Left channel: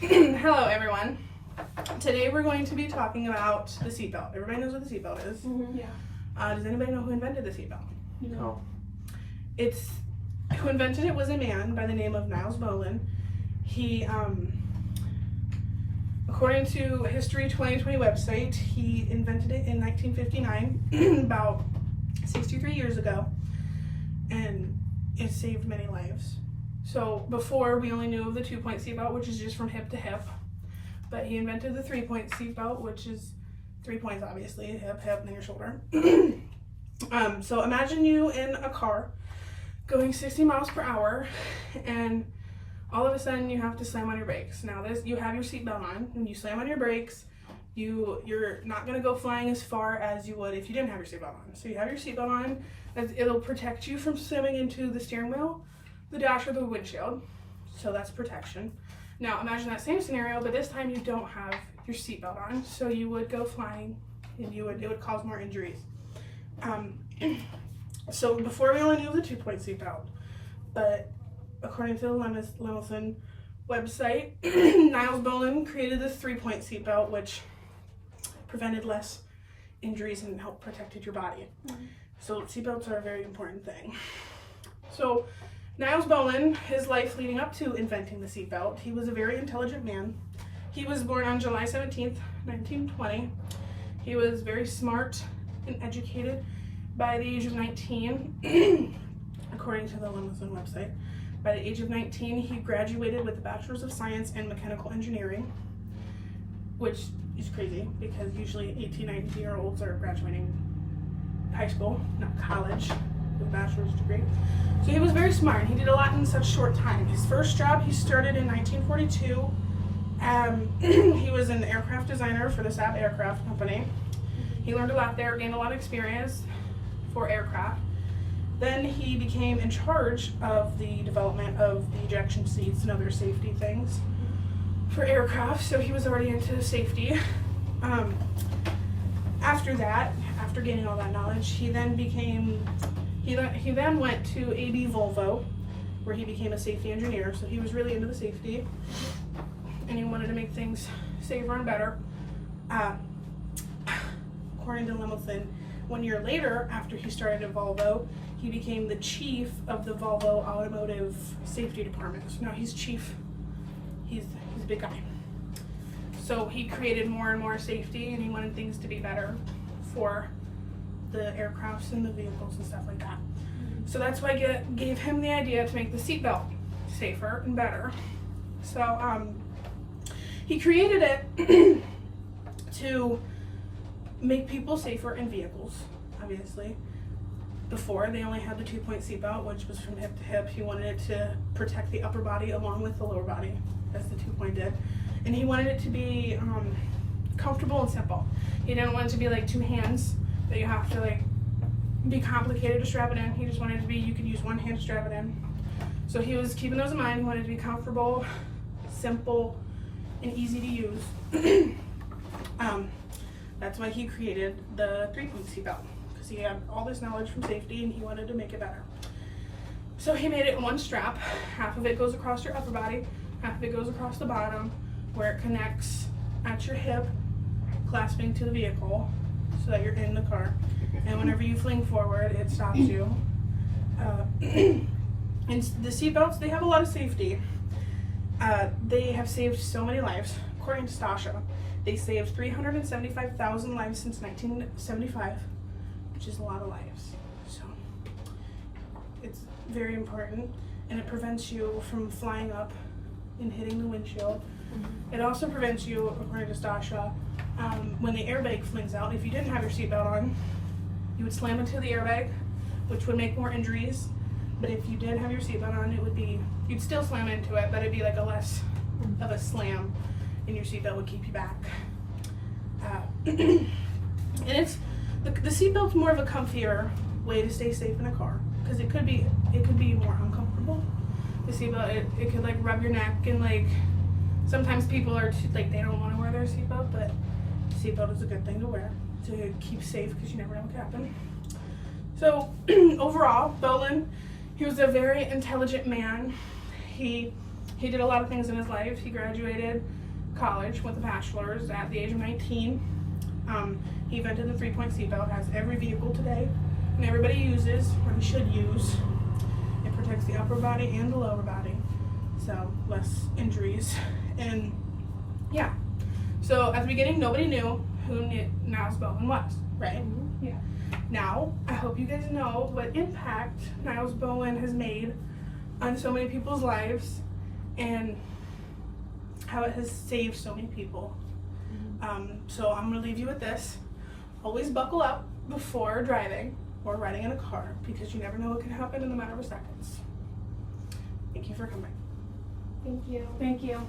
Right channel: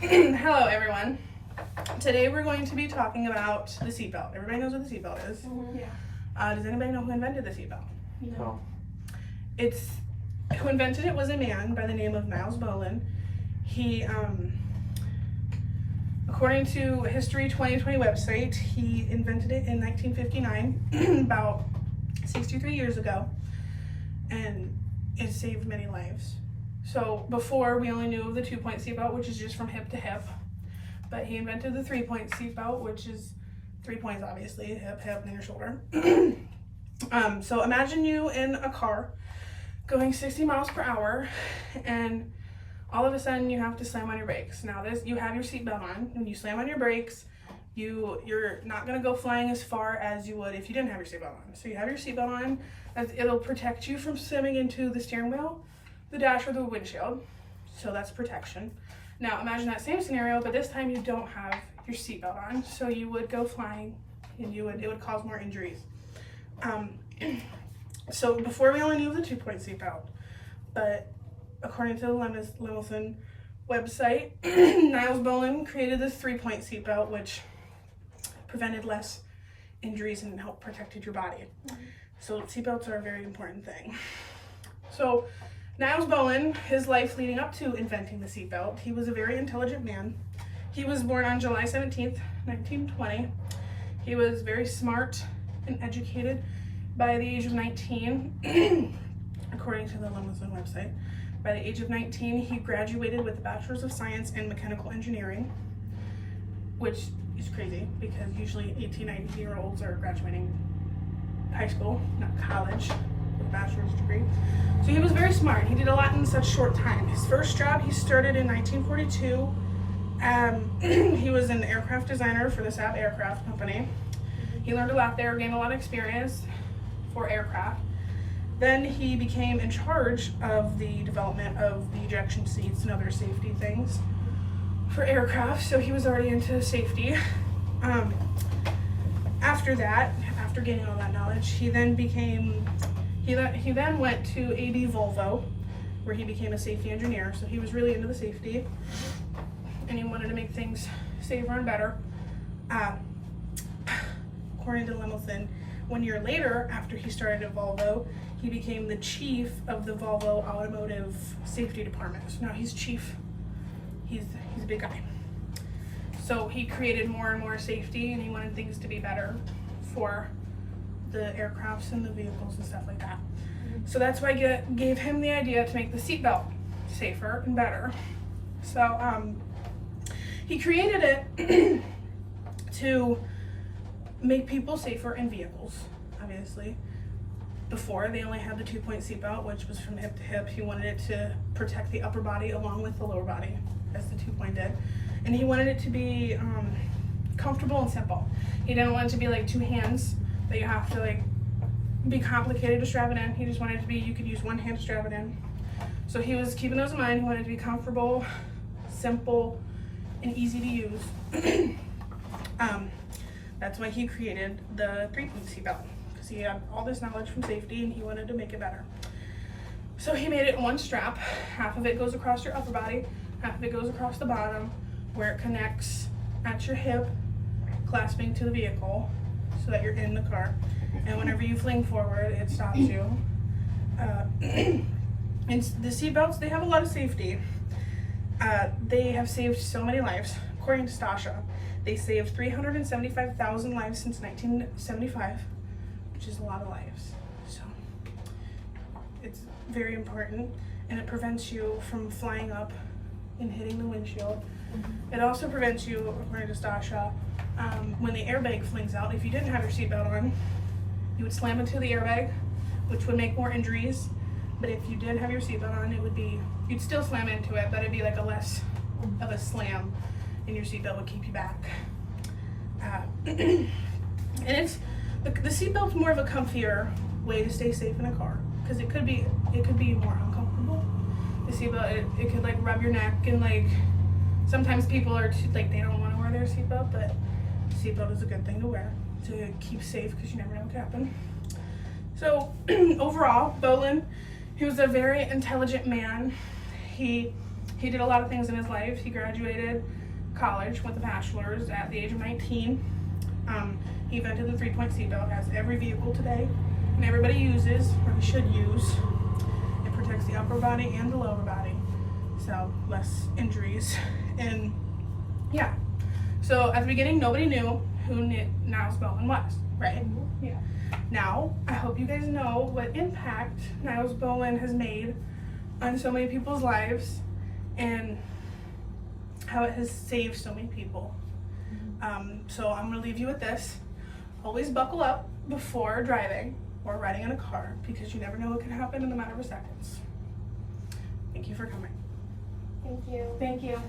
Hello everyone. Today we're going to be talking about the seatbelt. Everybody knows what the seatbelt is. Mm-hmm. Yeah. Does anybody know who invented the seatbelt? No. Who invented it was a man by the name of Nils Bohlin. He, according to History 2020 website, he invented it in 1959, about 63 years ago, and it saved many lives. So before, we only knew of the 2-point seatbelt, which is just from hip to hip, but he invented the 3-point seatbelt, which is 3 points, obviously, hip, hip, near shoulder. So imagine you in a car going 60 miles per hour, and all of a sudden you have to slam on your brakes. Now you have your seatbelt on. When you slam on your brakes, you're not going to go flying as far as you would if you didn't have your seatbelt on. So you have your seatbelt on, as it'll protect you from slamming into the steering wheel, the dash, or the windshield. So that's protection. Now imagine that same scenario, but this time you don't have your seatbelt on, so you would go flying, and it would cause more injuries. So before, we only knew the 2-point seatbelt, but according to the Lemmelson website, Nils Bohlin created the 3-point seatbelt, which prevented less injuries and helped protected your body. So seatbelts are a very important thing. So Nils Bohlin, his life leading up to inventing the seatbelt, he was a very intelligent man. He was born on July 17th, 1920. He was very smart and educated by the age of 19, according to the Lemmelson website. By the age of 19, he graduated with a Bachelor's of Science in Mechanical Engineering, which is crazy because usually 18, 19-year-olds are graduating high school, not college, with a bachelor's degree. So he was very smart. He did a lot in such short time. His first job he started in 1942. He was an aircraft designer for the Saab Aircraft Company. He learned a lot there, gained a lot of experience for aircraft. Then he became in charge of the development of the ejection seats and other safety things for aircraft, so he was already into safety. After that, after gaining all that knowledge, he then went to AB Volvo, where he became a safety engineer. So he was really into the safety, and he wanted to make things safer and better. According to Lemmelson, 1 year later, after he started at Volvo, he became the chief of the Volvo Automotive Safety Department. So now he's chief. He's a big guy. So he created more and more safety, and he wanted things to be better for the aircrafts and the vehicles and stuff like that. So that's why I gave him the idea to make the seatbelt safer and better. So he created it to make people safer in vehicles, obviously. Before, they only had the 2-point seatbelt, which was from hip to hip. He wanted it to protect the upper body along with the lower body, as the 2-point did. And he wanted it to be comfortable and simple. He didn't want it to be like 2 hands that you have to like be complicated to strap it in. He just wanted it to be, you could use 1 hand to strap it in. So he was keeping those in mind. He wanted it to be comfortable, simple, and easy to use. That's why he created the 3-point seatbelt, because he had all this knowledge from safety and he wanted to make it better. So he made it in 1 strap. Half of it goes across your upper body, half of it goes across the bottom, where it connects at your hip, clasping to the vehicle so that you're in the car. And whenever you fling forward, it stops you. And the seatbelts, they have a lot of safety. They have saved so many lives. According to Stasha, they saved 375,000 lives since 1975, which is a lot of lives. So it's very important, and it prevents you from flying up and hitting the windshield. It also prevents you, according to Stasha, when the airbag flings out. If you didn't have your seatbelt on, you would slam into the airbag, which would make more injuries. But if you did have your seatbelt on, you'd still slam into it, but it'd be like a less of a slam, and your seatbelt would keep you back. And it's the seatbelt's more of a comfier way to stay safe in a car, because it could be more uncomfortable. The seatbelt, it could like rub your neck, and like sometimes people are too, like, they don't want to wear their seatbelt, but seatbelt is a good thing to wear to keep safe, because you never know what could happen. So overall, Bohlin, he was a very intelligent man. He He did a lot of things in his life. He graduated college with a bachelor's at the age of 19. He invented the 3-point seatbelt, has every vehicle today, and everybody uses, or he should use. It protects the upper body and the lower body, so less injuries. And yeah, so at the beginning, nobody knew who Nils Bohlin was, right? Yeah. Now, I hope you guys know what impact Nils Bohlin has made on so many people's lives and how it has saved so many people. So I'm gonna leave you with this. Always buckle up before driving or riding in a car, because you never know what can happen in a matter of seconds. Thank you for coming. Thank you. Thank you.